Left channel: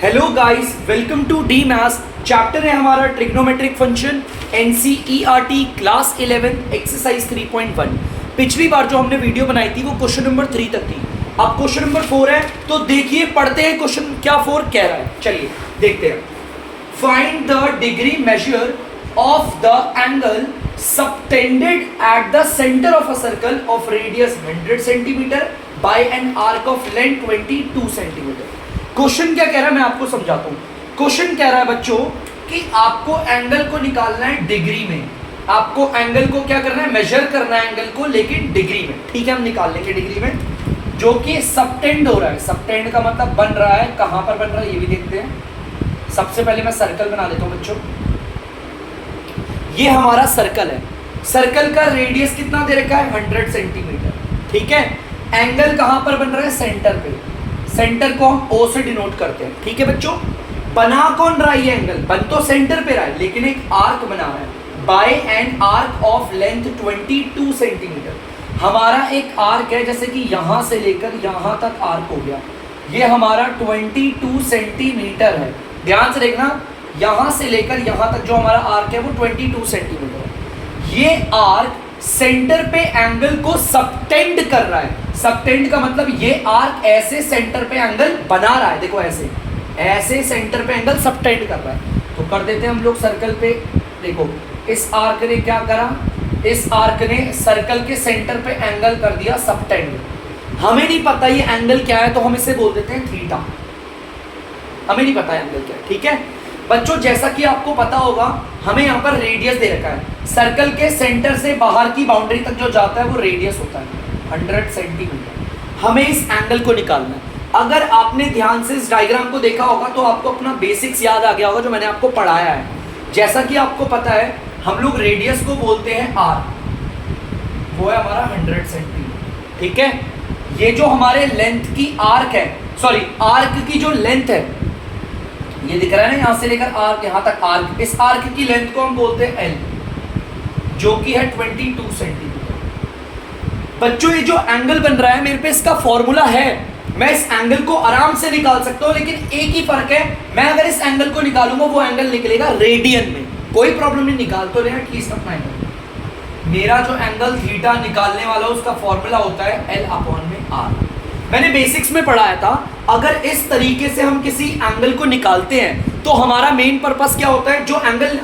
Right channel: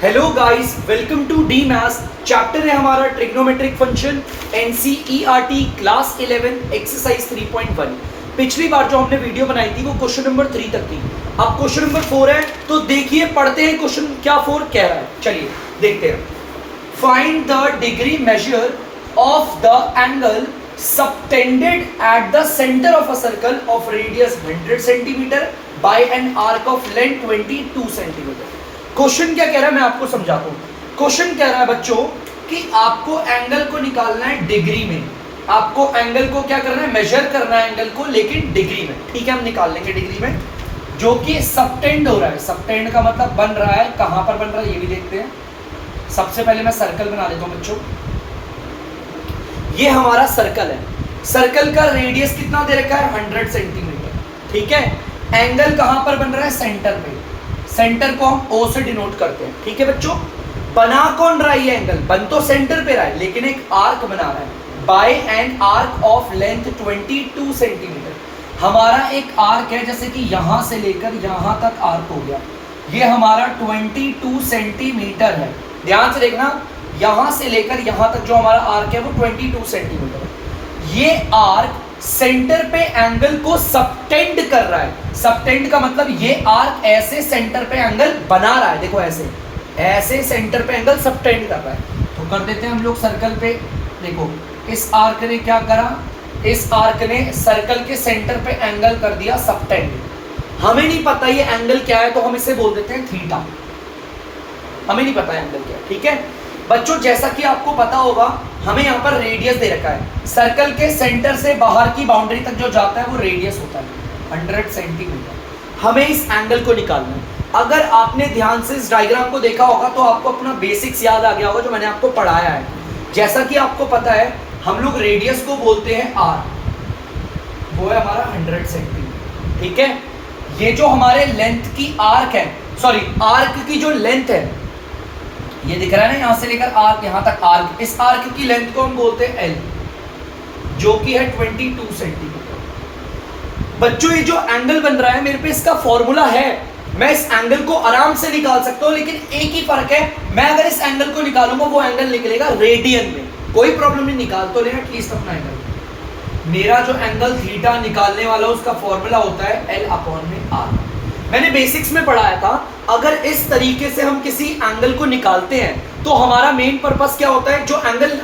Hello guys, welcome to the maths. Chapter है हमारा trigonometric function, NCERT class 11 exercise 3.1। पिछली बार जो हमने वीडियो बनाई थी वो क्वेश्चन नंबर 3 तक थी। अब क्वेश्चन नंबर 4 है, तो देखिए पढ़ते हैं क्वेश्चन क्या 4 कह रहा है। चलिए देखते हैं। Find the degree measure of the angle subtended at the centre of a circle of radius 100 centimetre bye an arc of length 22 centimetre. Question क्या कह रहा है मैं आपको समझाता हूँ। क्वेश्चन कह रहा है बच्चों कि आपको एंगल को निकालना है डिग्री में। आपको एंगल को क्या करना है, मेजर करना है एंगल को, लेकिन डिग्री में। ठीक है, हम निकाल लेंगे डिग्री में, जो कि सबटेंड हो रहा है। सबटेंड का मतलब बन रहा है, कहां पर बन रहा है ये भी देखते हैं। सबसे पहले मैं सर्कल बना लेता हूं बच्चों। ये हमारा सर्कल है। सर्कल का रेडियस कितना दे रखा है, 100 सेंटीमीटर। ठीक है, एंगल कहां पर बन रहा है, सेंटर पे। सेंटर को हम O से डिनोट करते हैं। ठीक है बच्चों, बना कौन रहा है ये एंगल, बन तो सेंटर पे रहा है, लेकिन एक आर्क बना रहा है by an arc of length 22 centimetre. हमारा एक आर्क है, जैसे कि यहां से लेकर यहां तक आर्क हो गया, ये हमारा 22 सेंटीमीटर है। ध्यान से देखना, यहां से लेकर यहां तक जो हमारा आर्क है वो 22 सेंटीमीटर है। ये आर्क सेंटर पे एंगल को सबटेंड कर रहा है। सबटेंड का मतलब ये आर्क ऐसे सेंटर पे एंगल बना रहा है। देखो ऐसे ऐसे सेंटर पे एंगल सबटेंड कर रहा है। तो कर देते हैं हम लोग सर्कल पे। देखो इस आर्क ने क्या करा, इस आर्क ने सर्कल के सेंटर पे एंगल कर दिया सबटेंड। हमें नहीं पता ये एंगल क्या है, तो हम इसे बोल देते हैं थीटा। हमें नहीं पता एंगल क्या है। ठीक है बच्चों, जैसा कि आपको पता होगा, हमें यहाँ पर रेडियस दे रखा है। सर्कल के सेंटर से बाहर की बाउंड्री तक जो जाता है वो रेडियस होता है 100 सेंटीमीटर। हमें इस एंगल को निकालना है। अगर आपने ध्यान से इस डायग्राम को देखा होगा तो आपको अपना बेसिक्स याद आ गया होगा जो मैंने आपको पढ़ाया है। जैसा कि आपको पता है, हम लोग रेडियस को बोलते हैं आर, वो है हमारा 100 सेंटीमीटर। ठीक है, ये जो हमारे लेंथ की आर्क है, सॉरी आर्क की जो लेंथ है, ये दिख रहा है ना, यहां से लेकर आर्क यहां तक आर्क, इस आर्क की लेंथ को हम बोलते हैं एल, जो कि है 22 सेंटीमीटर। बच्चों ये जो एंगल बन रहा है, मेरे पे इसका फॉर्मूला है, मैं इस एंगल को आराम से निकाल सकता हूं, लेकिन एक ही फर्क है, मैं अगर इस एंगल को निकालूंगा वो एंगल निकलेगा रेडियन में। कोई प्रॉब्लम नहीं, निकाल तो लें एटलीस्ट अपना एंगल। मेरा जो एंगल थीटा निकालने वाला उसका फॉर्मूला होता है L अपॉन में R। मैंने बेसिक्स में पढ़ाया था, अगर इस तरीके से हम किसी एंगल को निकालते हैं तो हमारा मेन पर्पस क्या होता है, जो एंगल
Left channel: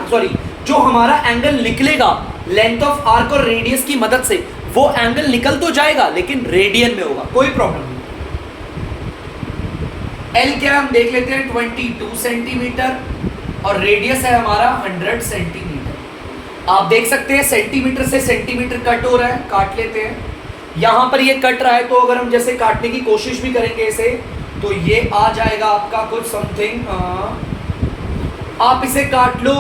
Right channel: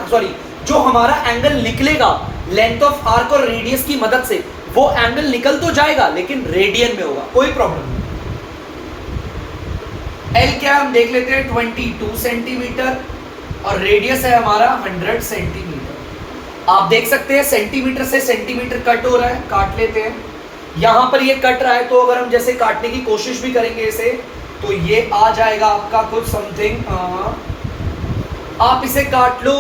जो हमारा एंगल निकलेगा लेंथ ऑफ आर्क और रेडियस की मदद से, वो एंगल निकल तो जाएगा लेकिन रेडियन में होगा। कोई प्रॉब्लम नहीं। L क्या है हम देख लेते हैं, 22 सेंटीमीटर, और रेडियस है हमारा 100 सेंटीमीटर। आप देख सकते हैं सेंटीमीटर से सेंटीमीटर कट हो रहा है, काट लेते हैं। यहां पर ये कट रहा है, तो अगर हम जैसे काटने की कोशिश भी करेंगे इसे, तो ये आ जाएगा आपका कुछ समथिंग, आप इसे काट लो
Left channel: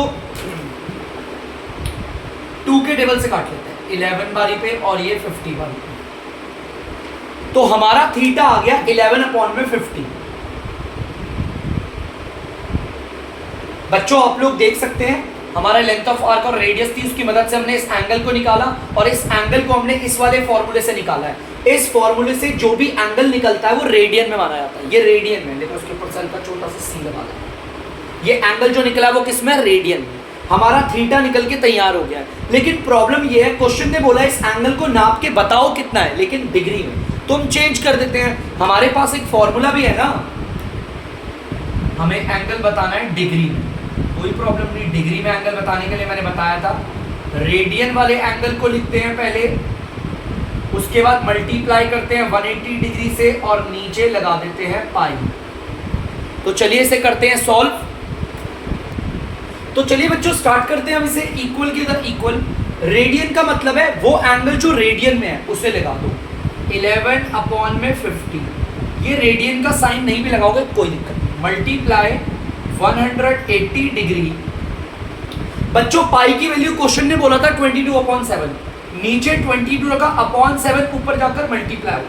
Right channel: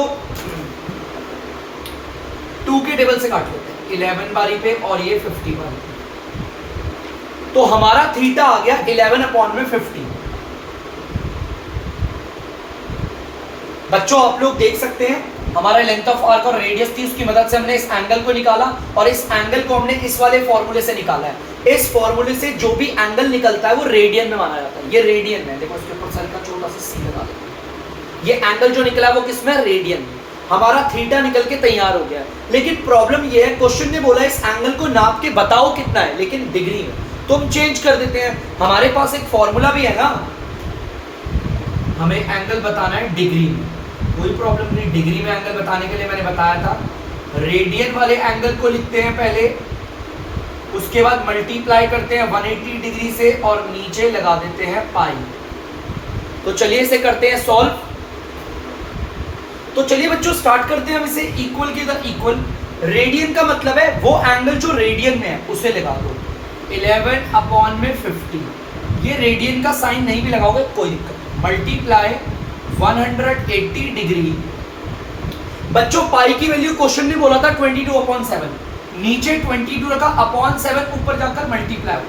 2 के टेबल से काट लेते हैं, 11 बारी पे और ये 50 बारी पे। तो हमारा थीटा आ गया 11 अपॉन में 50। बच्चों आप लोग देख सकते हैं, हमारा लेंथ ऑफ आर्क और रेडियस थी, उसकी मदद से हमने इस एंगल को निकाला, और इस एंगल को हमने इस वाले फॉर्मूले से निकाला है। इस फॉर्मूले से जो भी एंगल निकलता है वो रेडियन में माना जाता है। ये रेडियन में, देखो इसके ऊपर सर्कल छोटा सा सी लगा दो। ये एंगल जो निकला है वो किस में, रेडियन में। हमारा थीटा निकल के तैयार हो गया है। लेकिन प्रॉब्लम ये है, क्वेश्चन ने बोला इस एंगल को नाप के बताओ कितना है, लेकिन डिग्री में। तो हम चेंज कर देते हैं, हमारे पास एक फॉर्मूला भी है ना, हमें एंगल बताना है डिग्री में। कोई प्रॉब्लम नहीं, डिग्री में एंगल बताने के लिए मैंने बताया था, रेडियन वाले एंगल को लिखते हैं पहले, उसके बाद मल्टीप्लाई करते हैं 180 डिग्री से और नीचे लगा देते हैं पाई। तो चलिए इसे करते हैं सॉल्व। तो चलिए बच्चों स्टार्ट करते हैं हम इसे। इक्वल की इधर इक्वल, रेडियन का मतलब है वो एंगल जो रेडियन में है उसे लगा दो 11 अपॉन में 50। ये रेडियन का साइन नहीं भी लगाओगे कोई दिक्कत नहीं, मल्टीप्लाई 180 डिग्री। बच्चों पाई की वैल्यू क्वेश्चन ने बोला था 22/7, नीचे 22 रखा, अपॉन 7 ऊपर जाकर मल्टीप्लाई,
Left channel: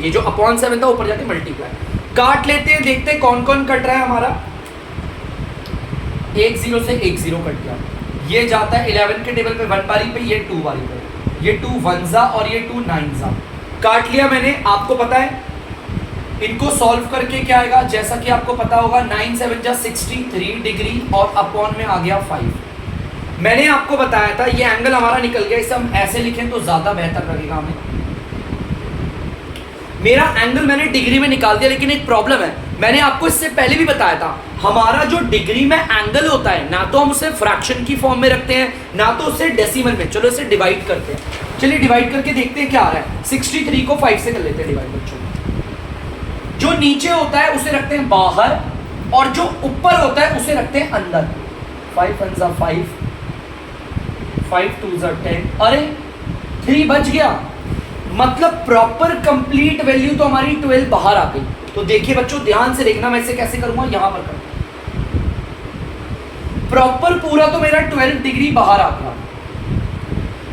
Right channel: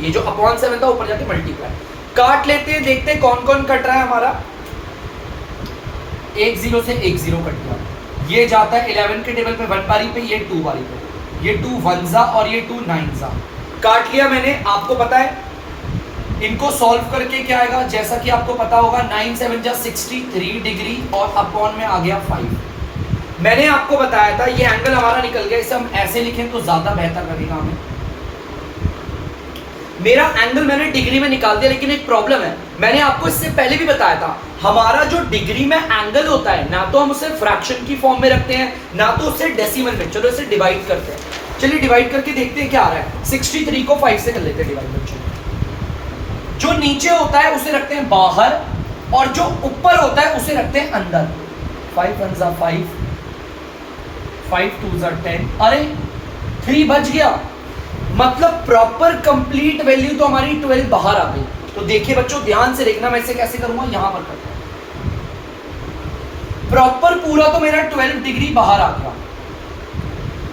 ये जो अपॉन 7 था ऊपर जाकर मल्टीप्लाई। काट लेते हैं, देखते हैं कौन कौन कट रहा है हमारा। 1 0 से 1 0 कट गया, ये जाता है 11 के टेबल पे 1 बारी पे, ये 2 बारी पे, ये 2 1 जा और ये 2 9 जा। काट लिया मैंने, आपको पता है इनको सॉल्व करके क्या आएगा, जैसा कि आपको पता होगा 9 7 जा 63 डिग्री और अपॉन में आ गया 5। मैंने आपको बताया था ये एंगल हमारा निकल गया, इसे हम ऐसे लिखें तो ज्यादा बेहतर लगेगा हमें। मेरा एंगल मैंने डिग्री में निकाल दिया, लेकिन एक प्रॉब्लम है, मैंने आपको इससे पहले भी बताया था, हमारा जो डिग्री में एंगल होता है ना तो हम उसे फ्रैक्शन की फॉर्म में रखते हैं ना तो उसे डेसिमल में। चलो इसे डिवाइड करते हैं, चलिए डिवाइड करके देखते हैं क्या आ रहा है। 63 को 5 से कर लेते हैं डिवाइड बच्चों। जो नीचे होता है उसे रखते हैं बाहर और जो ऊपर होता है उसे रखते हैं अंदर। 5 1 जा 5, 5 2 जा 10, अरे 3 बच गया, मतलब प्रॉपर कंप्लीट वैल्यू तो हमारी 12 बाहर आ गई। तो देखिए बच्चों ध्यान से देखना, मैं इसे कैसे करूंगा, यहां पर करता हूं। प्रॉपर पूरा तो मेरा 12 डिग्री बाहर आ गया,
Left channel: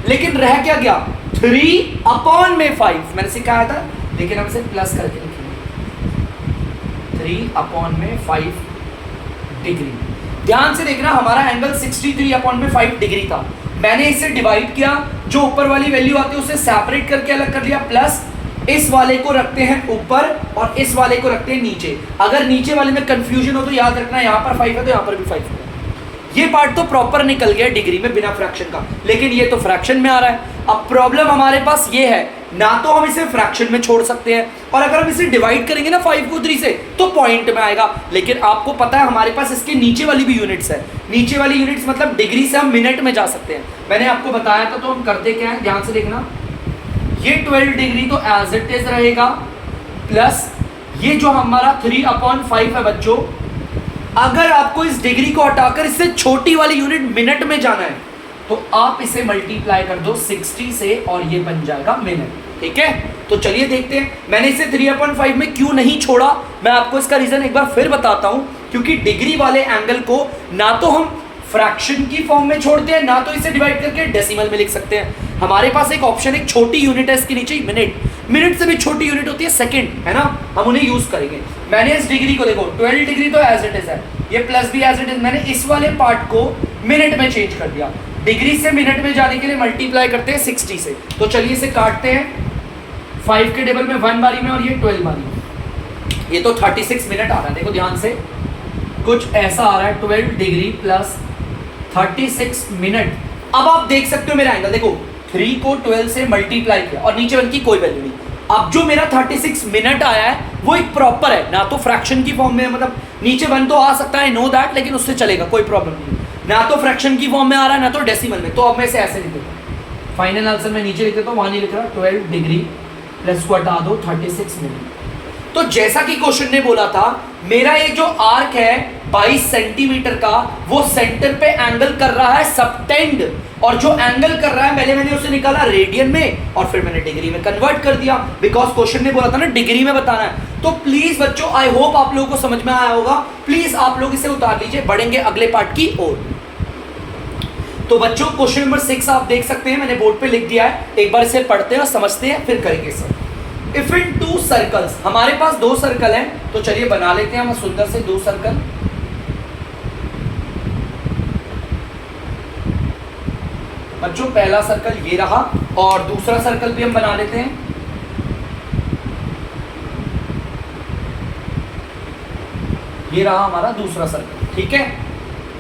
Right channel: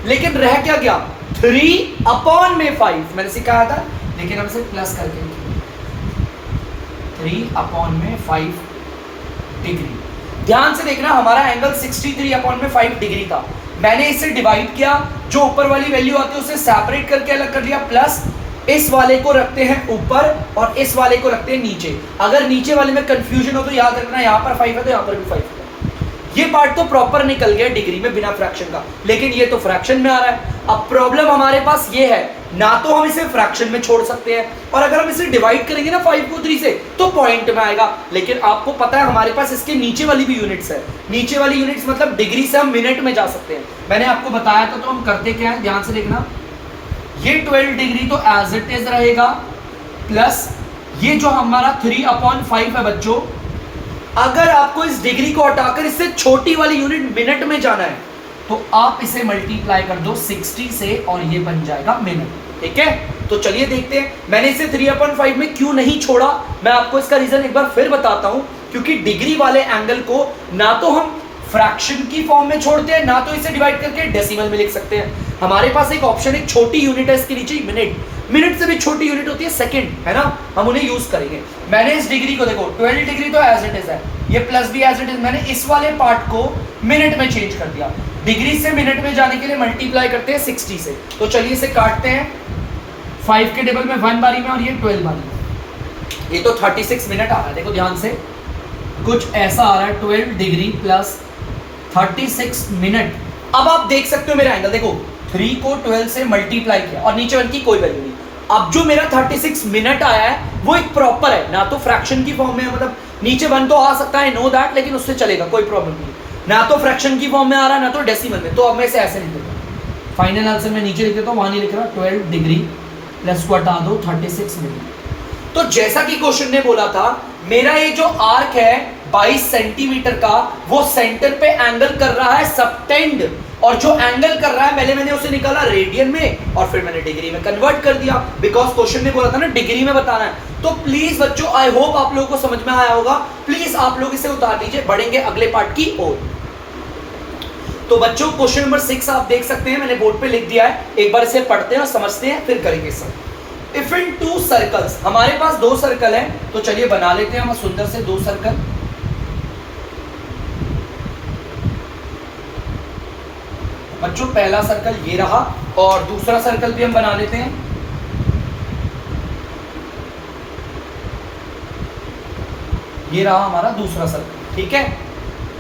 लेकिन रह क्या गया 3 अपॉन में 5, मैंने सिखाया था, लेकिन हम इसे प्लस करके लिखेंगे 3 अपॉन में 5 डिग्री। ध्यान से देखना, हमारा एंगल 63 अपॉन में 5 डिग्री था, मैंने इसे डिवाइड किया, जो ऊपर वाली वैल्यू आती है उसे सेपरेट करके अलग कर लिया, प्लस इस वाले को रखते हैं ऊपर और इस वाले को रखते हैं नीचे। अगर नीचे वाले में कंफ्यूजन हो तो याद रखना यहाँ पर 5 है तो यहाँ पर भी 5 है। ये पार्ट तो प्रॉपर निकल गया डिग्री में बिना फ्रैक्शन का, लेकिन ये तो फ्रैक्शन में आ रहा है। अब प्रॉब्लम हमारे पास ये है, ना तो हम इसे फ्रैक्शन में छोड़ सकते हैं और अगर हम इसे डिवाइड करेंगे ना 5 को 3 से तो पॉइंट में आएगा, लेकिन आपको पता है हमारे पास इसके नीचे वाली भी यूनिट्स है। नीचे वाली यूनिट्स मतलब डिग्री से हम मिनट में जा सकते हैं, मैंने आपको बताया था। तो हम करते क्या है, ध्यान से देखना, ये 12 डिग्री तो एज इट इज रहेगा, प्लस ये जो हमारा 3 अपॉन 5 है बच्चों, अगर आपको इस डिग्री को हटाकर इससे छोटी वाली यूनिट मिनट में जाना है तो आप इसे मल्टीप्लाई कर दो 60 से और ये बन जाएगा मिनट। ठीक है, तो चलिए देखते हैं मैंने इसे 3/5 में क्यों नहीं छोड़ा। मैं आपको इसका रीजन एक बार फिर बताता हूं, क्योंकि डिग्री वाले एंगल को ना तो हम फ्रैक्शन की फॉर्म में छोड़ते हैं ना तो इसे डिवाइड करके डेसिमल में लिख सकते हैं। हमारे पास एक ऑप्शन, एक छोटी यूनिट है इसके नीचे, मिनट। मिनट से भी छोटी यूनिट होती है सेकंड, है ना, हम उन्हें यूज करेंगे। मैंने इस डिग्री को देखो 12 डिग्री तो एज इट इज है, ये प्लस भी एज इट इज, मैंने इस वाले पार्ट को मिनट में चेंज कर दिया। डिग्री से मिनट में जाने के लिए मल्टीप्लाई करते हैं 60 से। तो चलिए इसे काटते हैं, 5 के टेबल में 1 बारी में और ये 12 बारी में, ये तो 36 मिनट आ रहा है। देखो ध्यान से, कुछ ऐसा आ रहा है, 12 डिग्री प्लस 36 मिनट। अब आप देख सकते हो मेरा एंगल, देखो 3 को 12 से मल्टीप्लाई किया और नीचे 1 की कोई वैल्यू नहीं। अब जो मेरा 36 मिनट आया है वो एक प्रॉपर है, ना तो फ्रैक्शन की फॉर्म में, मतलब नीचे 1 तो आ सकता है, नो दैट, लेकिन उससे चलेगा, कोई प्रॉब्लम नहीं। ना तो फ्रैक्शन की फॉर्म में आ रहा है ना तो डेसिमल में, तो अब मैं इसे ऐसे लिख देता हूं। फाइनल आंसर मैं नीचे लिख देता हूं, वहां नहीं लिख रहा, 12 डिग्री प्लस को हटा दो 36 मिनट। तो जैसा कि क्वेश्चन ने बोला था, मेरा ये जो आर्क है 22 सेंटीमीटर का, वो सेंटर पे एंगल कर रहा है सबटेंड, और जो एंगल कर रहा है मैंने उसे निकाला रेडियन में और फिर मैंने डिग्री में कन्वर्ट कर दिया, बिकॉज क्वेश्चन ने बोला था ना डिग्री में बताना है। तो प्लीज बच्चों, आई होप आप लोगों को समझ में आया होगा, प्लीज आप लोग इसे उतार लीजिए, बढ़ेंगे अगले पार्ट की ओर। तो बच्चों क्वेश्चन नंबर 6 आप देख सकते हैं, मैंने बोर्ड पे लिख दिया है, एक बार इसे पढ़ते हैं और समझते हैं, फिर करेंगे इसे। इफ इन 2 सर्कल्स, हमारे पास 2 सर्कल हैं, तो चलिए बना लेते हैं हम सुंदर से 2 सर्कल। बच्चों पहला सर्कल ये रहा और दूसरा सर्कल भी हम बना लेते हैं। ये रहा हमारा दूसरा सर्कल, ठीक है।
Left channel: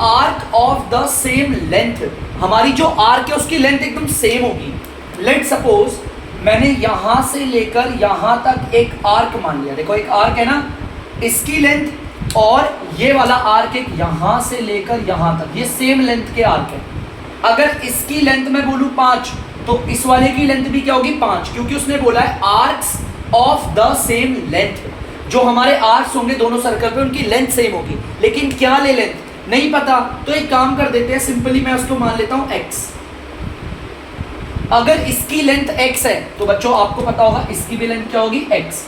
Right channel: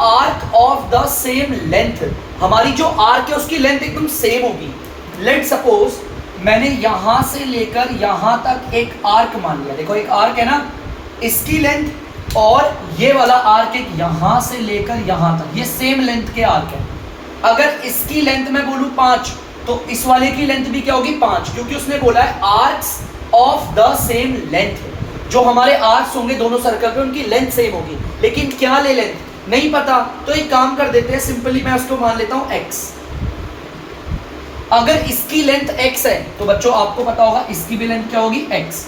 Arc of the same length, हमारी जो आर्क है उसकी लेंथ एकदम सेम होगी। लेट सपोज मैंने यहां से लेकर यहां तक एक आर्क मान लिया, देखो एक आर्क है ना, इसकी लेंथ और ये वाला आर्क एक यहां से लेकर यहां तक, ये सेम लेंथ के आर्क है। अगर इसकी लेंथ मैं बोलूं 5 तो इस वाले की लेंथ भी क्या होगी 5, क्योंकि उसने बोला है arcs of the same length. जो हमारे आर्क्स होंगे दोनों सर्कल पे उनकी लेंथ सेम होगी, लेकिन क्या ले लेंथ नहीं पता, तो एक काम कर देते हैं, सिंपली मैं उसको मान लेता हूं x। अगर इसकी लेंथ x है तो बच्चों आपको पता होगा इसकी भी लेंथ क्या होगी x।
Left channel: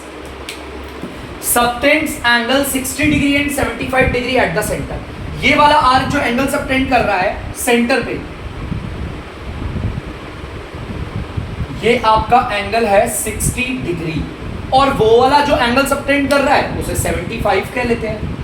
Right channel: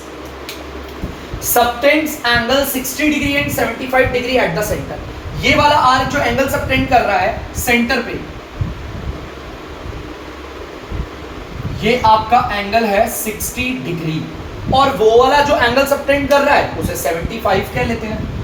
Subtends angle 60 degree and 75 degree at the centre. ये वाला आर्क जो एंगल सबटेंड कर रहा है सेंटर पे, ये आपका एंगल है 60 डिग्री, और वो वाला जो एंगल सबटेंड कर रहा है उसे 75 कह लेते हैं।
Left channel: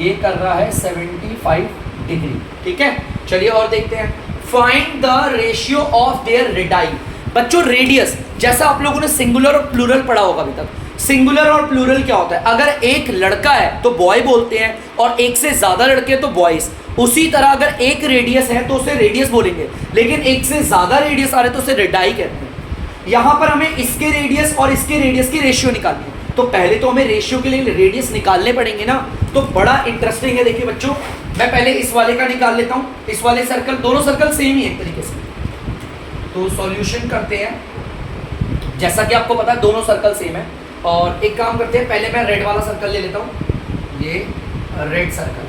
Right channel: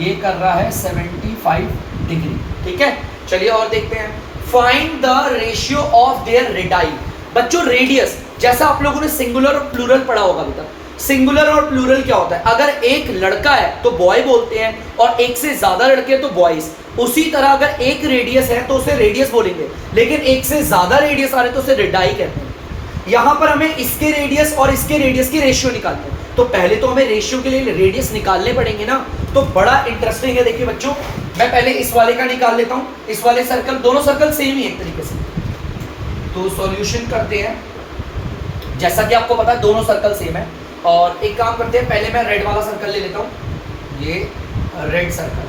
ये कर रहा है 75 डिग्री, ठीक है। चलिए और देखते हैं, find the ratio of their radii. बच्चों रेडियस, जैसा आप लोगों ने सिंगुलर और प्लूरल पढ़ा होगा अभी तक। सिंगुलर और प्लूरल क्या होता है, अगर एक लड़का है तो बॉय बोलते हैं और एक से ज्यादा लड़के तो बॉयज। उसी तरह अगर एक रेडियस है तो उसे रेडियस बोलेंगे, लेकिन एक से ज्यादा रेडियस आ रहे तो उसे रेडाई कहते हैं। यहां पर हमें इसके रेडियस और इसके रेडियस की रेशियो निकालनी है, तो पहले तो हमें रेशियो के लिए रेडियस निकालने पड़ेंगे ना, तो बड़ा इंटरेस्टिंग है। देखिए बच्चों, मैं पहले इस वाले का निकाल लेता हूं, इस वाले सर्कल, दोनों सर्कल सेम ही है एक तरीके से। तो सॉल्यूशन करते हैं, जैसा कि आपको पता है दोनों सर्कल सेम है। और एक काम करते हैं, पहले मैं रेड वाला सर्कल ले लेता हूं, ये रेड सर्कल।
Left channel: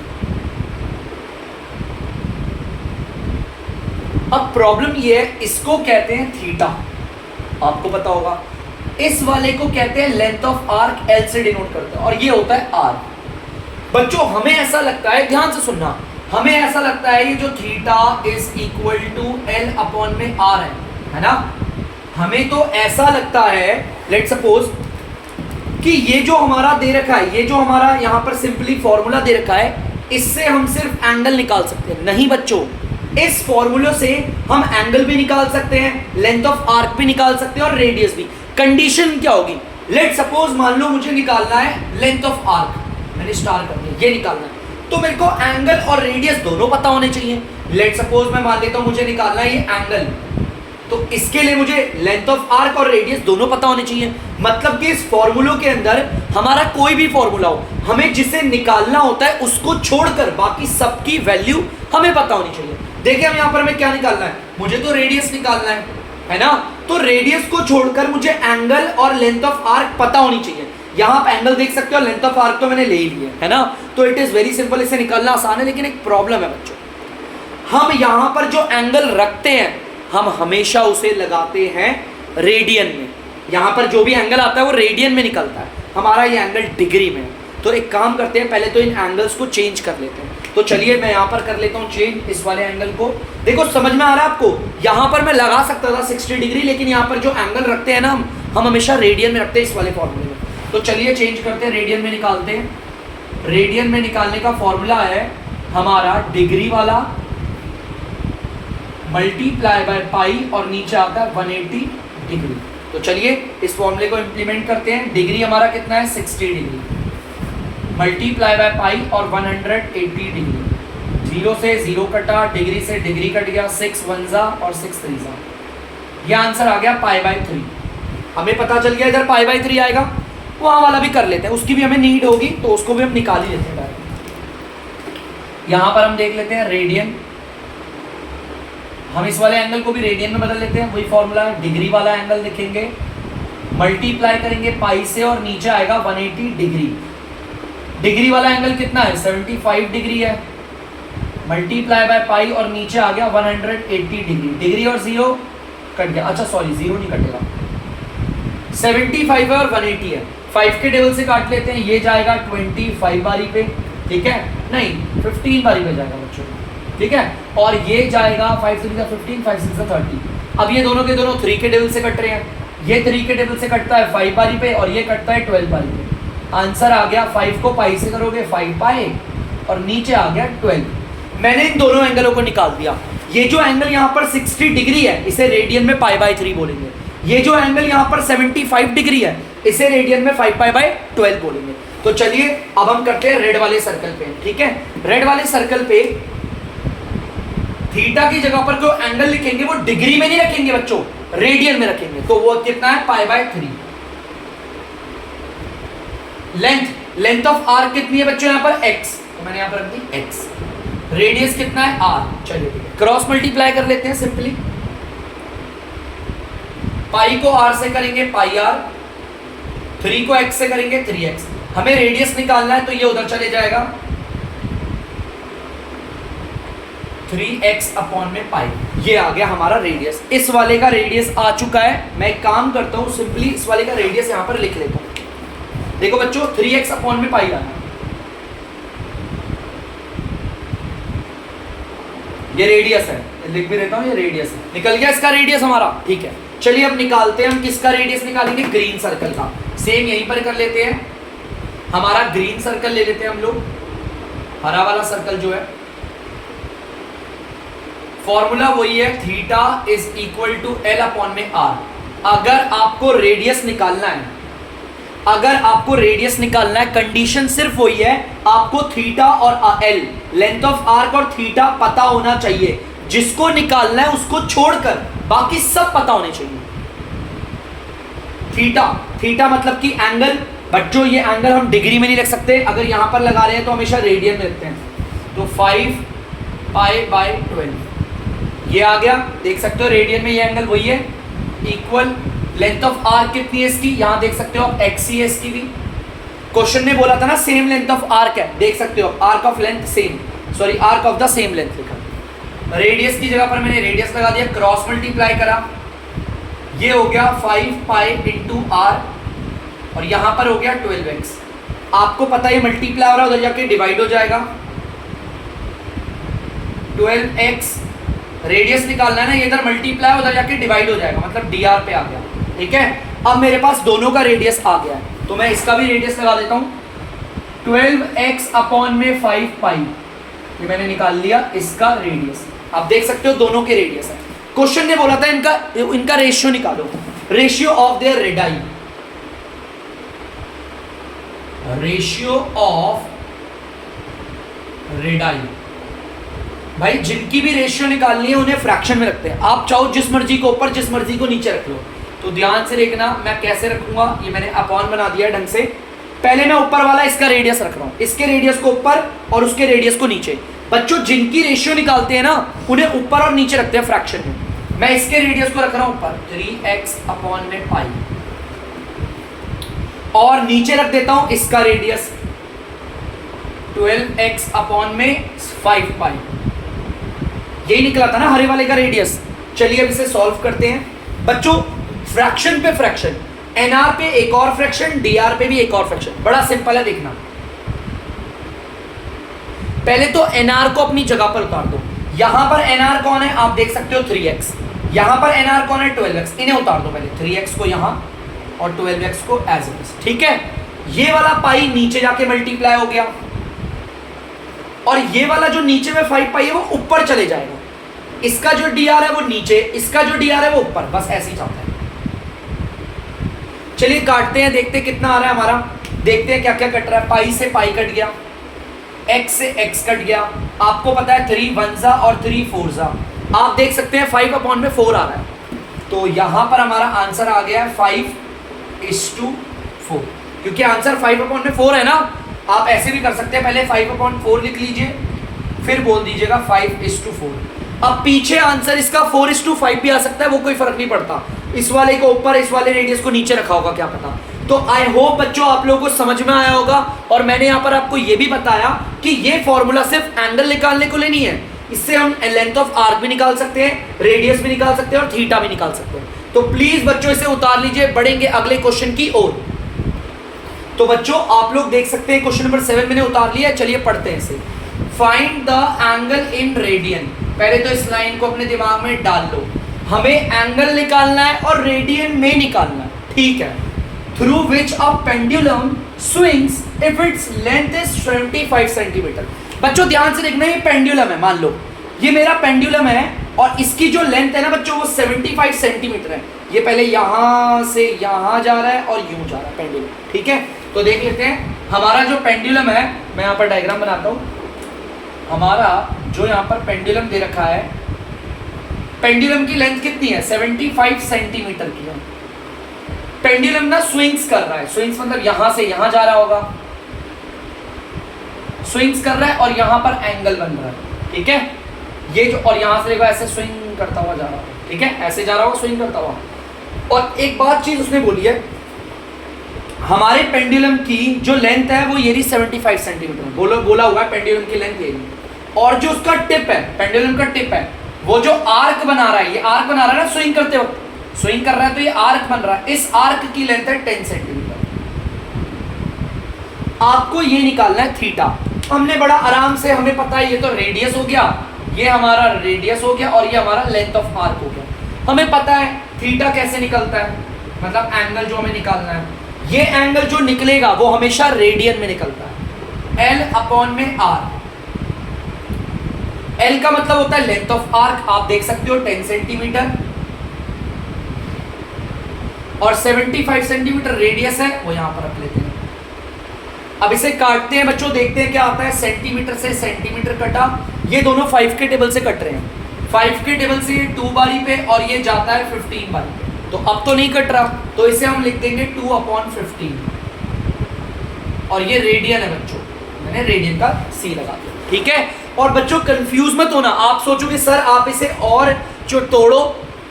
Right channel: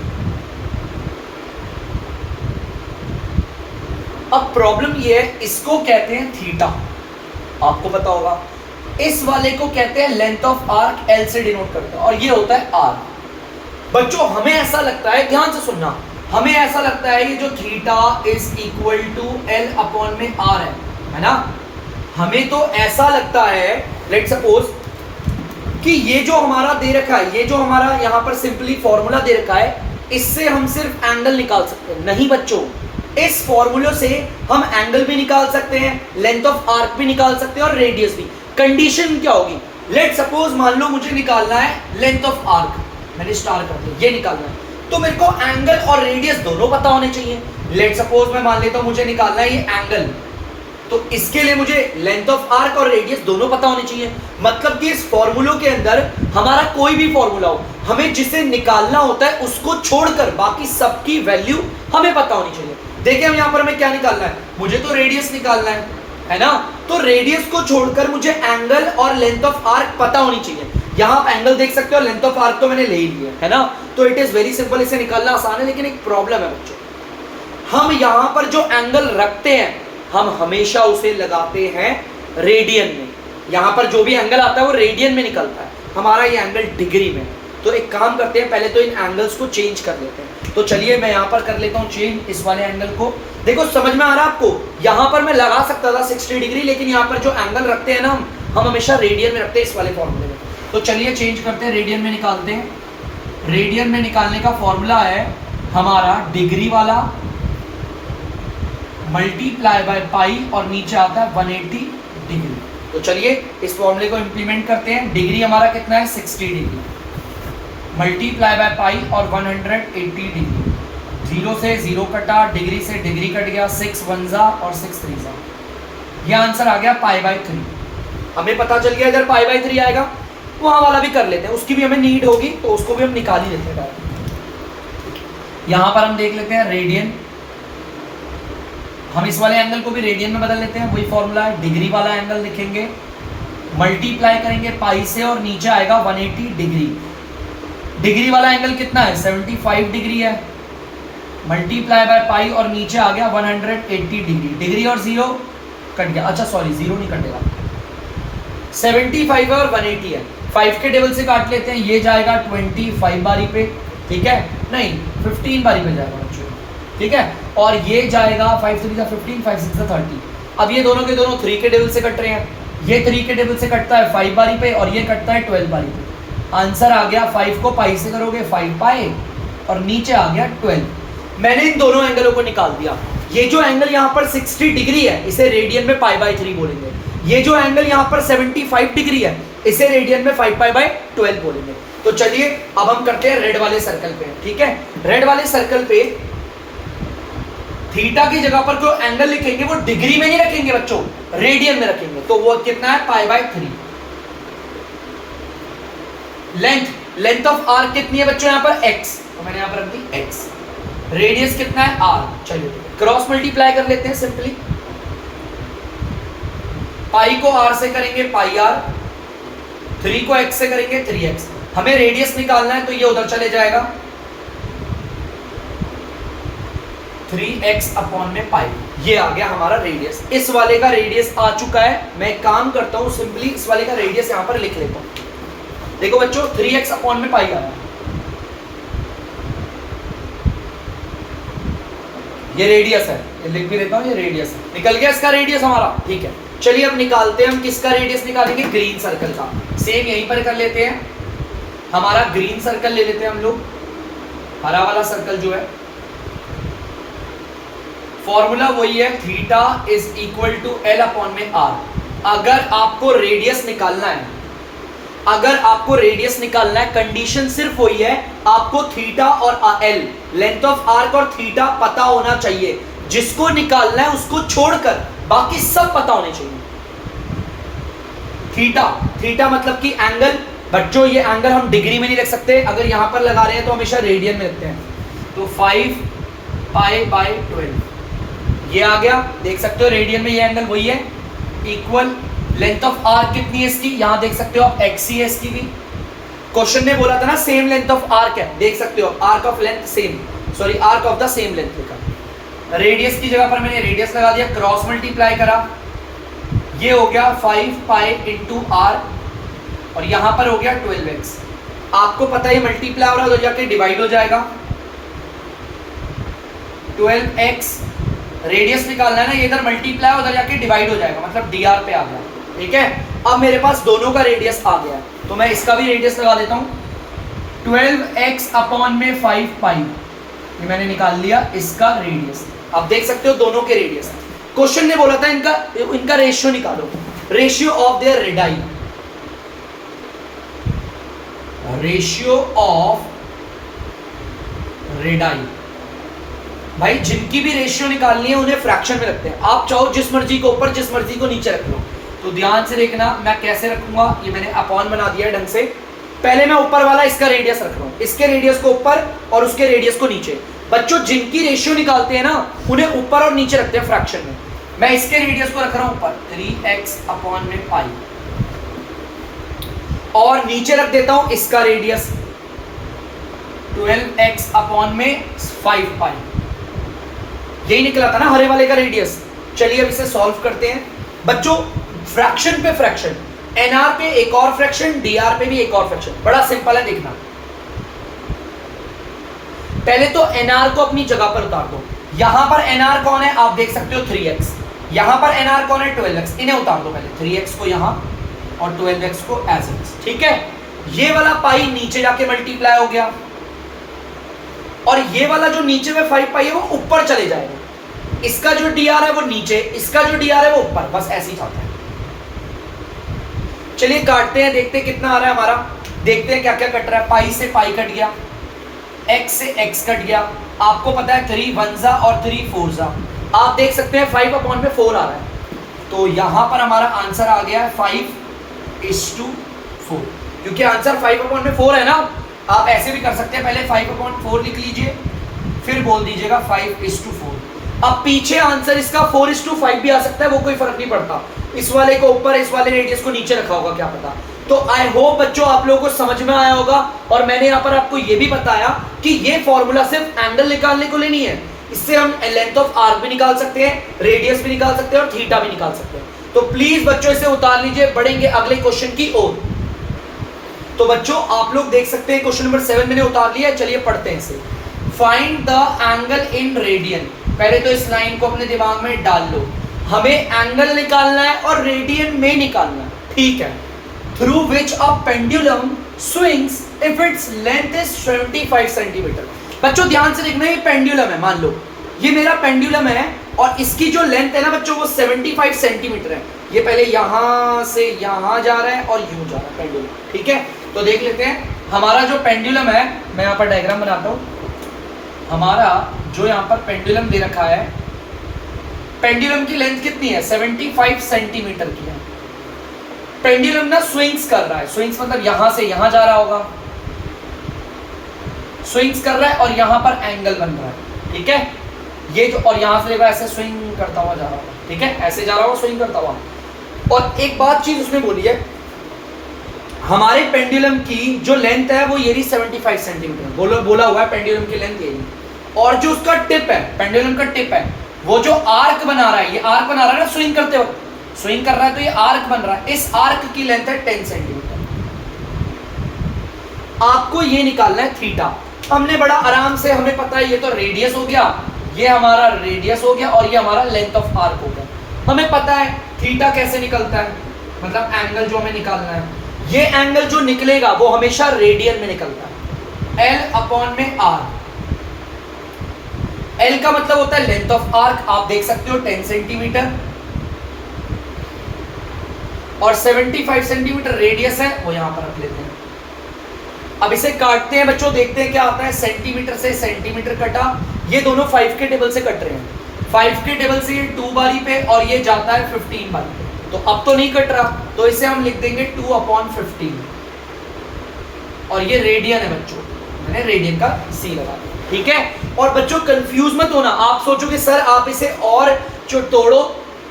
अब प्रॉब्लम ये है, इसको कहते हैं थीटा, आपको पता होगा। इस वाले को कहते हैं लेंथ ऑफ आर्क, एल से डिनोट करते हैं, और ये होता है आर। बच्चों हमें ऐसा लगता है, ध्यान से सुनना, हमें ऐसा लगता है ये जो theta is equal to L upon में आर है ना। हमें तो ऐसा लगता है, लेट सपोज कि ये जो हमारा दे रखा है, ये जो हमारा यहाँ पर सिंपली फॉर्मूला दे रखा है, इससे हम सिर्फ एंगल निकाल सकते हैं। नहीं बच्चों, इस फॉर्मूले से हम एंगल भी निकाल सकते हैं, लेंथ ऑफ आर्क भी निकाल सकते हैं और रेडियस भी। कंडीशन क्या होगी, लेट सपोज मान लो मुझे निकालना है लेंथ ऑफ आर्क, मैंने स्टार कर दिया, ये निकालना है, तो मेरे को एंगल और रेडियस दोनों पता होने चाहिए। लेट सपोज मैं मान लेता हूं मुझे निकालना है ये एंगल, तो इसके लिए मुझे लेंथ ऑफ आर्क और रेडियस दोनों पता होने चाहिए। मतलब कि इस फॉर्मूलों के अंदर हमारा कोई भी फॉर्मूला हो, हमें जिसे निकालना होता है उसको छोड़कर बाकी सबकी वैल्यू हमें पता होनी चाहिए। देखिए हम यहाँ पर हमें क्या निकालना है, मुझे तो रेडियस निकालना है ना, तो रेडियस को छोड़कर मुझे एंगल और लेंथ ऑफ आर्क पता होनी चाहिए। यहाँ आप एंगल देख सकते हो, लेंथ ऑफ आर्क तो मैंने ले ही लिया है ना, तो इट इज वेरी सिंपल, इसे निकालना आसान है। लेकिन एक प्रॉब्लम है बच्चों, हम यहाँ पर जो एंगल रखते हैं हम हमेशा उसे लगाते हैं रेडियन में। यहाँ पर जो भी एंगल आता है वो रेडियन में निकलता है, हमारा ये एंगल डिग्री में। तो एक काम करते हैं, पहले तो इन एंगल्स को चेंज कर लेते हैं। तो चलिए मैं यहाँ पर कर लेता हूँ चेंज, इस वाले एंगल को। देखो समझ में आ रहा है आपको, यहाँ पर मैं लगा सकता था 60 डिग्री, लेकिन यहाँ पर जो एंगल रखते हैं ना हम हमेशा रेडियन में रखते हैं इस वाले फॉर्मूले में। तो चलिए चेंज करते हैं, रेडियन में निकालते हैं। रेडियन में निकालने का फॉर्मूला है हमारा डिग्री वाला मल्टीप्लाई बाय पाई और नीचे आता है 180 डिग्री। तो चलिए इस फॉर्मूले को इंप्लीमेंट करते हैं। डिग्री हमारा कितना है 60 डिग्री, मल्टीप्लाई बाय पाई और 180 डिग्री। 0 से 0 कटा, डिग्री से डिग्री कट गया, 6 1 जा और 6 3 जा, ये आंसर आ गया पाई बाय 3। हमें पता चल गया इधर पाई बाय 3 आएगा, वहां वाला भी कर लेते हैं, उसकी भी हमें नीड होगी तो उसको भी हम निकाल ही लेते हैं। यहां पर हम देख लेते हैं रेडियन, हम इस वाले एंगल को भी रेडियन में बदल लेते हैं, वही फॉर्मूला है। डिग्री वाला एंगल लिखेंगे, मल्टीप्लाई करेंगे पाई से और नीचे आएगा 180 डिग्री। डिग्री वाला एंगल कितना है 75 डिग्री है, मल्टीप्लाई बाय पाई और नीचे आ गया 180 डिग्री। डिग्री और 0 कट गया, अच्छा सॉरी 0 नहीं कटेगा, 75 है और 180 है, 5 के टेबल से काट लेते हैं, ये जाएगा 25 बारी पे, ठीक है, नहीं 15 बारी पे जाएगा बच्चों, ठीक है, और ये जाएगा 5 3 15 5 6 30। अब ये दोनों के दोनों 3 के टेबल से कट रहे हैं, ये 3 के टेबल से कटता है 5 बारी पे और ये कटता है 12 बारी पे। आंसर आ गया, 5 को पाई से करोगे 5 पाई और नीचे आ गया 12। मैंने इन दोनों एंगलों को निकाल दिया। ये जो एंगल यहाँ पर 60 डिग्री है इसे रेडियन में पाई बाय 3 बोलेंगे, ये जो एंगल यहाँ पर 75 डिग्री है इसे रेडियन में 5 पाई बाय 12 बोलेंगे। तो चलिए अब हम करते हैं रेड वाले सर्कल पे, ठीक है। रेड वाले सर्कल पे थीटा की जगह पर जो एंगल लिखेंगे वो डिग्री में नहीं रखेंगे बच्चों, रेडियन में रखेंगे। तो वो कितना है pi by 3। Length of arc कितनी है बच्चों यहाँ पर x, तो मैंने यहाँ पर रख दी x। रेडियस कितना है r, चलिए क्रॉस मल्टीप्लाई कर लेते हैं सिंपली। पाई को r से करेंगे पाई r, 3 को x से करेंगे 3x। हमें रेडियस निकालना है तो ये उधर चले जाएगा 3x अपॉन में पाई, ये आ गया हमारा रेडियस। इस वाले का रेडियस आ चुका है, मैं एक काम करता हूं सिंपली इस वाले का रेडियस यहां पर लिख लेता हूं। देखो बच्चों 3x अपॉन में पाई आया, ये रेडियस है, लिख भी देता हूं ये रेडियस है, निकल गया इसका रेडियस हमारा, ठीक है। चलिए अब निकालते हैं हम किसका रेडियस निकालेंगे, ग्रीन सर्कल का। सेम यहीं पर कर लेते हैं, हमारा ग्रीन सर्कल ले लेते हैं हम लोग, हरा वाला सर्कल जो है। फॉर्मूला वही है, theta is equal to L upon में आर। अगर आपको रेडियस निकालना है, अगर आपको रेडियस निकालना है, कंडीशन सिर्फ वही है, आपको थीटा और एल, लेंथ ऑफ आर्क और थीटा पता होना चाहिए। जिसको निकालना है उसको छोड़कर बाकी सब पता होने चाहिए। थीटा, थीटा मतलब कि एंगल। बच्चों ये एंगल हम डिग्री में नहीं रख सकते, अगर यहां पर लगा रहे हैं तो हमेशा रेडियन में रखते हैं। तो 5 पाई बाय 12 ये आ गया, देख सकते हो रेडियन में ये एंगल वही है। इक्वल लेंथ ऑफ आर्क कितनी है इसकी, यहां देख सकते हो आप एक्स ही है इसकी भी। क्वेश्चन ने बोला था ना सेम लेंथ ऑफ आर्क है, देख सकते हो arc of length same, sorry arc of the same length लिखा। रेडियस की जगह पर मैंने रेडियस लगा दिया, क्रॉस मल्टीप्लाई करा, ये हो गया 5 पाई इंटू आर और यहां पर हो गया 12x। आपको पता है मल्टीप्लाई हो रहा है, उधर जाके डिवाइड हो जाएगा। 12x रेडियस निकालना है ना, ये इधर मल्टीप्लाई उधर जाके डिवाइड हो जाएगा, मतलब dr पे आ गया। ठीक है, अब मेरे पास दोनों का रेडियस आ गया है तो मैं इसका भी रेडियस लगा देता हूं। 12x अपॉन में 5 पाई, ये मैंने निकाल लिया इसका रेडियस। अब देख सकते हो दोनों के रेडियस है। क्वेश्चन ने बोला था इनका रेशियो निकालो, ratio of their radii, ratio of radii. भाई जिनकी भी रेशियो निकालनी है उन्हें फ्रैक्शन में रखते हैं। आप चाहो जिस मर्जी को ऊपर जिस मर्जी को नीचे रख लो। तो ध्यान से देखना मैं कैसे रखूंगा, ये मैंने अपॉन बना दिया ढंग से। पहले मैं ऊपर वाला इसका रेडियस रख रहा हूं, इसके रेडियस को ऊपर और उसके रेडियस को नीचे। बच्चों जिनकी रेशियो निकालते हैं ना उन्हें ऊपर और नीचे रखते हैं फ्रैक्शन में। मैं इसके रेडियस को रख रहा हूं ऊपर 3x अपॉन में पाई और नीचे रख देता हूं इसका रेडियस 12x अपॉन में 5 पाई। यही निकला था ना हरे वाले का रेडियस। चलिए अब इसे सॉल्व करते हैं। बच्चों फ्रैक्शन पे फ्रैक्शन, एनआर पे एक और फ्रैक्शन, डीआर पे भी एक और फ्रैक्शन, बड़ा सिंपल है देखना। पहले तो एनआर को अपनी जगह पर उतार दो। यहां पर एनआर कौन है आप देख सकते हो 3x, यहां पर एनआर कौन है 12x, इन्हें उतार दो पहले, 3x को यहां और 12x को एज इट इज। ठीक है, ये वाला पाई नीचे जाके मल्टीप्लाई हो गया और ये वाला जो नीचे में 5 पाई है वो ऊपर चले जाएगा। इसका जो dr है वो नीचे, इसका जो dr है वो ऊपर, बस ऐसे ही चलता है। चलिए काटते हैं, देखते हैं कितना आ रहा है हमारा। देखते हैं क्या क्या कट रहा है। पाई से पाई कट गया, x से x कट गया। आपको पता है 3 1 और 3 4। आप देख सकते हैं 5 अपॉन में 4 आ रहा है, तो यहां पर हमारा आंसर आ गया है 5:4, क्योंकि आंसर 5 अपॉन में 4 है ना। आप ऐसे भी कर सकते हैं, पहले 5/4 लिख लीजिए फिर बोल दीजिएगा 5:4। अब पीछे आंसर इसका 4:5 भी आ सकता है, वो कोई फर्क नहीं पड़ता। इस वाले को ऊपर इस वाले रेडियस को नीचे रखा होगा, क्या पता। तो आई होप बच्चों आप लोगों को समझ में आया होगा। और मैंने यहाँ पर आपको ये भी बताया कि ये फॉर्मूला सिर्फ एंगल निकालने को लिए नहीं है, इससे हम लेंथ ऑफ आर्क भी निकाल सकते हैं, रेडियस भी निकाल सकते हैं और थीटा भी निकाल सकते हैं। तो प्लीज बच्चों इसे उतार लीजिए, बढ़ेंगे अगले क्वेश्चन की ओर। तो बच्चों आप लोग देख सकते हैं क्वेश्चन नंबर 7 मैंने उतार लिया है। चलिए पढ़ते हैं इसे। Find the angle in radian. पहले तो इस लाइन को अपने दिमाग में डाल लो, हमें एंगल निकालना है और रेडियन में निकालना है, ठीक है। Through which a pendulum swings if its length is 75 centimetre. बच्चों ध्यान से देखना, ये पेंडुलम है, मान लो ये मेरा पेंडुलम है और इसकी जो लेंथ है ना बच्चों वो 75 सेंटीमीटर है। ये पहले यहां से यहां जा रहा है और यूं जा रहा है पेंडुलम, ठीक है। तो देख लेते हैं हमारा जो पेंडुलम है, मैं यहाँ पर डायग्राम बनाता हूँ। हमारा जो यहाँ पर पेंडुलम दे रखा है, पेंडुलम की लेंथ कितनी है 75 सेंटीमीटर की है। पेंडुलम ना स्विंग्स कर रहा है, स्विंग्स मतलब यहां से यहां जा रहा होगा, स्विंग्स कर रहा है और यहां पर एंगल बन रहा है, ठीक है। ये जो और यहां से देखो ऐसे स्विंग करता हुआ जा रहा है, ठीक है, ऐसे जा रहा होगा स्विंग करता हुआ। और एक बात चीज उसने बोली है, हमारे पेंडुलम की जो लेंथ है वो ये रही 75 सेंटीमीटर, बोला हुआ है पेंडुलम की लेंथ यही। और जो उसका टिप है, पेंडुलम का टिप है, वो जो आर्क बना रहा है, ये आर्क बना रहा है ना स्विंग करते वक्त, स्विंग कर रहा है तो ये आर्क बन रहा है। इस आर्क की लेंथ है 10 सेंटीमीटर। आपको ये निकालना है थीटा। हमने बड़ा आराम से, हमें पता है ये तो रेडियस हो गया, ये हमारा रेडियस हो गया और ये हमारा लेंथ ऑफ आर्क हो गया। हमें पता है थीटा कैसे निकलता है, मतलब एंगल जो हमें निकालना है, ये एंगल जो निकलेगा वो हमेशा रेडियन में निकलता है। L अपॉन में R। L का मतलब होता है लेंथ ऑफ आर्क, आप देख सकते हो 10 सेंटीमीटर। और 75 सेंटीमीटर रेडियस है, वो यहाँ पर रख लेते हैं। अब इसे काटते हैं बच्चों, देखते हैं क्या आता है। सेंटीमीटर से सेंटीमीटर कटा, ये दोनों 5 के टेबल से कट रहे हैं। 5 के टेबल से 2 बारी पे और ये जाता है 15 बारी पे, तो अब तो नहीं कट रहा, तो इसे हम लिख देंगे 2/15 और ये रेडियन है बच्चों, मैंने रेडियन का सी लगा दिया, ठीक है। और बच्चों कंफ्यूज मत होना, आप सोचोगे सर आप इसे और जो तोड़ो,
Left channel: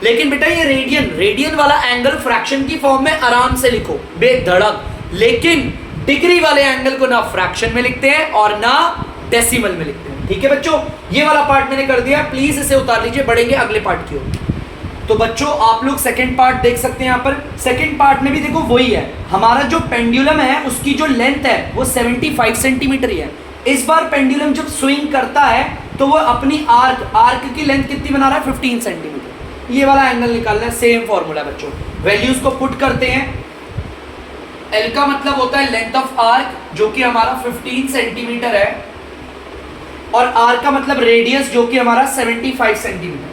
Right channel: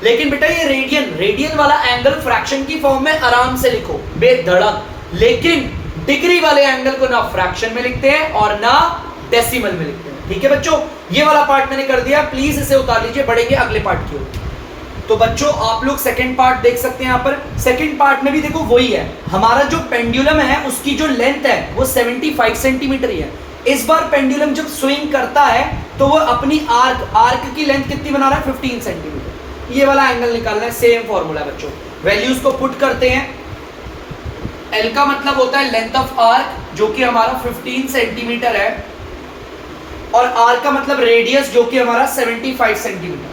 लेकिन बेटा ये रेडियन वाला एंगल फ्रैक्शन की फॉर्म में आराम से लिखो बेधड़क, लेकिन डिग्री वाले एंगल को ना फ्रैक्शन में लिखते हैं और ना डेसिमल में लिखते हैं, ठीक है बच्चों। ये वाला पार्ट मैंने कर दिया, प्लीज इसे उतार लीजिए, बढ़ेंगे अगले पार्ट की ओर। तो बच्चों आप लोग सेकंड पार्ट देख सकते हैं यहाँ पर। सेकंड पार्ट में भी देखो वही है, हमारा जो पेंडुलम है उसकी जो लेंथ है वो 75 सेंटीमीटर ही है। इस बार पेंडुलम जब स्विंग करता है तो वो अपनी आर्क की लेंथ कितनी बना रहा है, 15 सेंटीमीटर। ये वाला एंगल निकालना है, सेम फॉर्मूला बच्चों। वैल्यूज को पुट करते हैं। एल का मतलब होता है लेंथ ऑफ आर्क, जो कि हमारा 15 सेंटीमीटर है, और आर का मतलब रेडियस, जो कि हमारा 75 सेंटीमीटर।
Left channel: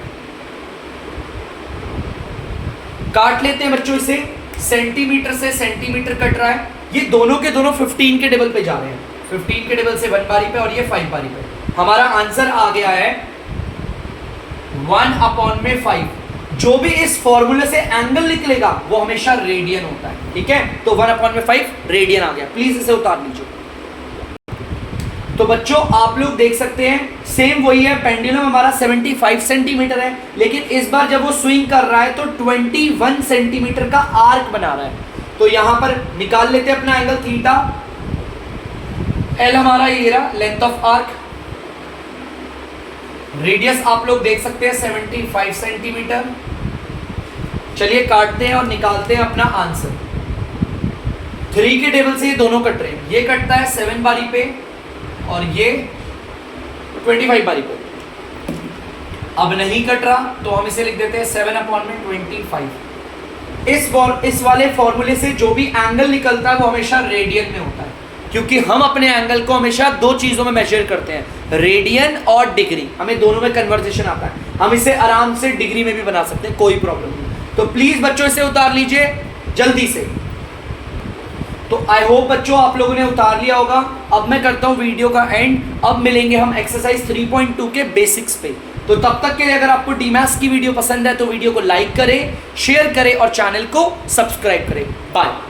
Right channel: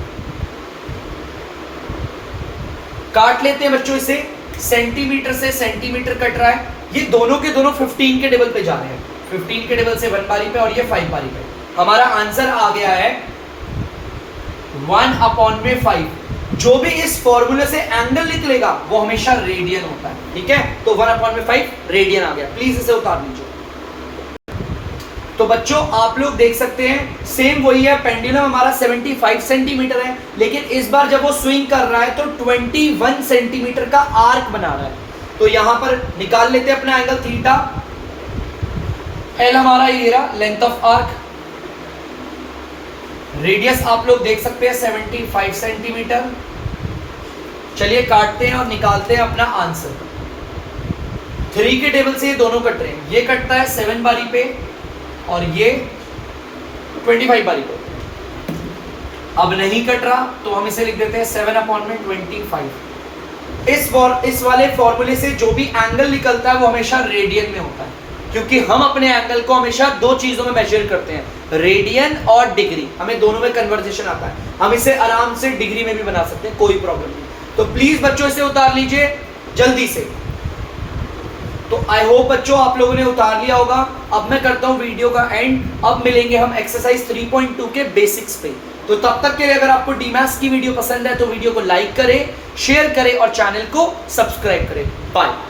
काट लेते हैं बच्चों इसे, सेंटीमीटर से सेंटीमीटर कट रहा है, ये दोनों के दोनों 15 के टेबल पे जा रहे हैं, 15 के टेबल से 1 बारी पे और ये 5 बारी पे। हमारा आंसर आ गया है 1/5। जो भी इस फॉर्मूले से एंगल निकलेगा वो हमेशा रेडियन होता है, ठीक है। तो 1/5 रेडियन आ गया, प्लीज इसे उतार लीजिए। तो बच्चों आप लोग देख सकते हैं सेम वही है, पेंडुलम हमारा 75 सेंटीमीटर है, लेकिन इस बार जब वो स्विंग कर रहा है तो 21 सेंटीमीटर का आर्क बना रहा है। तो यहां पर निकाल लेते हैं अपना एंगल थीटा। एल हमारा ये रहा, लेंथ ऑफ आर्क। रेडियस आप लोग देख सकते हैं 75 सेंटीमीटर। चलिए काटते हैं और निकालते हैं अपना आंसर। 3 के टेबल से ये दोनों कट रहे हैं, ये कटता है 7 बारी पे और ये 25 बारी पे। अब नहीं कट रहा तो हम इसे लिख देते हैं 7/25। इस वाले फॉर्मूले से जो भी एंगल निकलता है वो हमेशा रेडियन में होता है, क्योंकि हम अपने एंगल को हमेशा 2 चीजों में मेजर करते हैं, रेडियन और डिग्री। हमें दोनों में कन्वर्जेशन आता है, हम इसे आराम से डिग्री में भी बना सकते हैं, कोई प्रॉब्लम नहीं। तो प्लीज बच्चों इसे उतार लीजिए जल्दी से। तो आई होप बच्चों आप लोगों ने उतार लिया होगा। अब मैं करता हूं वीडियो का एंड, अब मिलेंगे हम एक्सरसाइज 3.2 के बेसिक्स पे। तो तब तक के लिए अगर आपको डीमैथ्स की वीडियो पसंद है तो वीडियो को लाइक करें, शेयर करें और चैनल को सब्सक्राइब करें। बाय।